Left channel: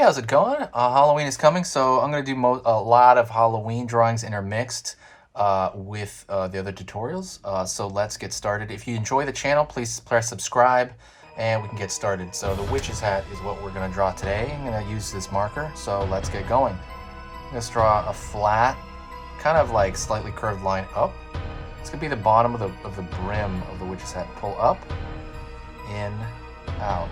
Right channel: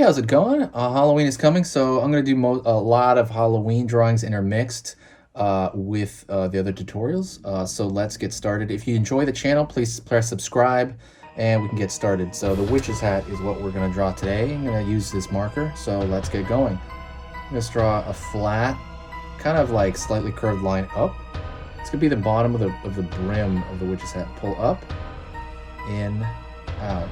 how's it going? Halloween is coming, so I'm going to do a lot of Halloween drawings intermixed with the other tutorials. So let's get started. If you enjoy the channel, please press subscribe and we can get started. So the witch's hat is what we're going to draw today. I'm going to use this marker, so let's get going. I'm going to draw a flat, kind of like slightly curved line up. It's going to be the bottom of the brim of the witch's hat. Pull up, in, out.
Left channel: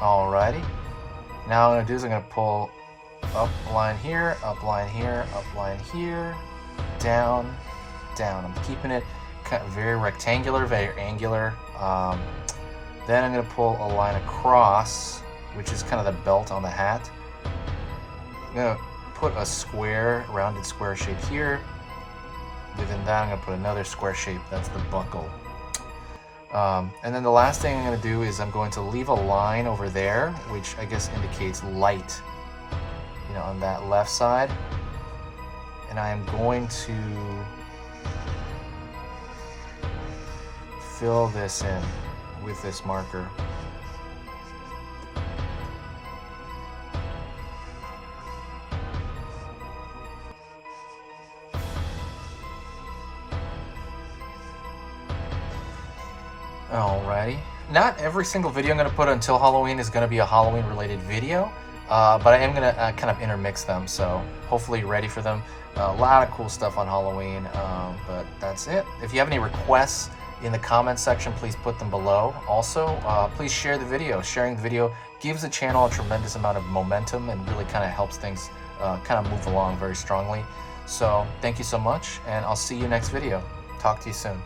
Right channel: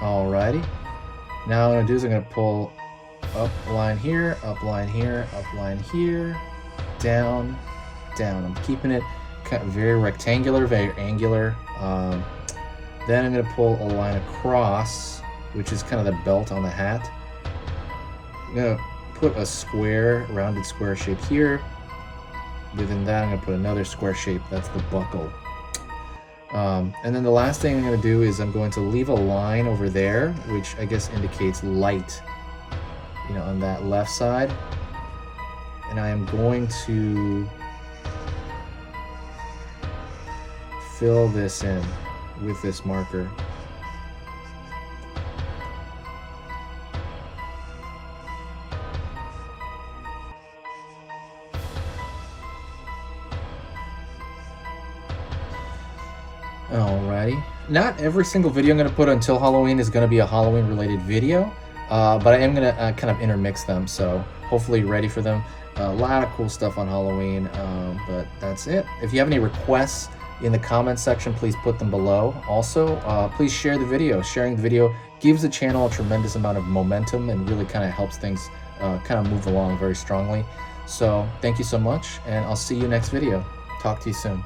Alrighty. Now what I'm going to do is I'm going to pull up line here, up line here, up line here, down, down. I'm keeping it kind of very rectangular, very angular. Then I'm going to pull a line across, which is kind of the belt on the hat. I'm going to put a square, rounded square shape here. Within that, I'm going to put another square shape. That's the buckle. And then the last thing I'm going to do is I'm going to leave a line over there, which I guess indicates light, you know, on that left side. And I am going to fill this in with this marker. Alrighty. Not every single video I'm going to put until Halloween is going to be a Halloween related video, but I am going to kind of intermix them, so hopefully you're ready for them. A lot of cool stuff on Halloween, but that's it. If you have any requests in the comments section, please put them below. Also, please share the video. Sharing the video gives the channel a tremendous amount of momentum and really kind of helps things kind of move along very strongly. So thank you so much, and I'll see you next video. Talk to you soon.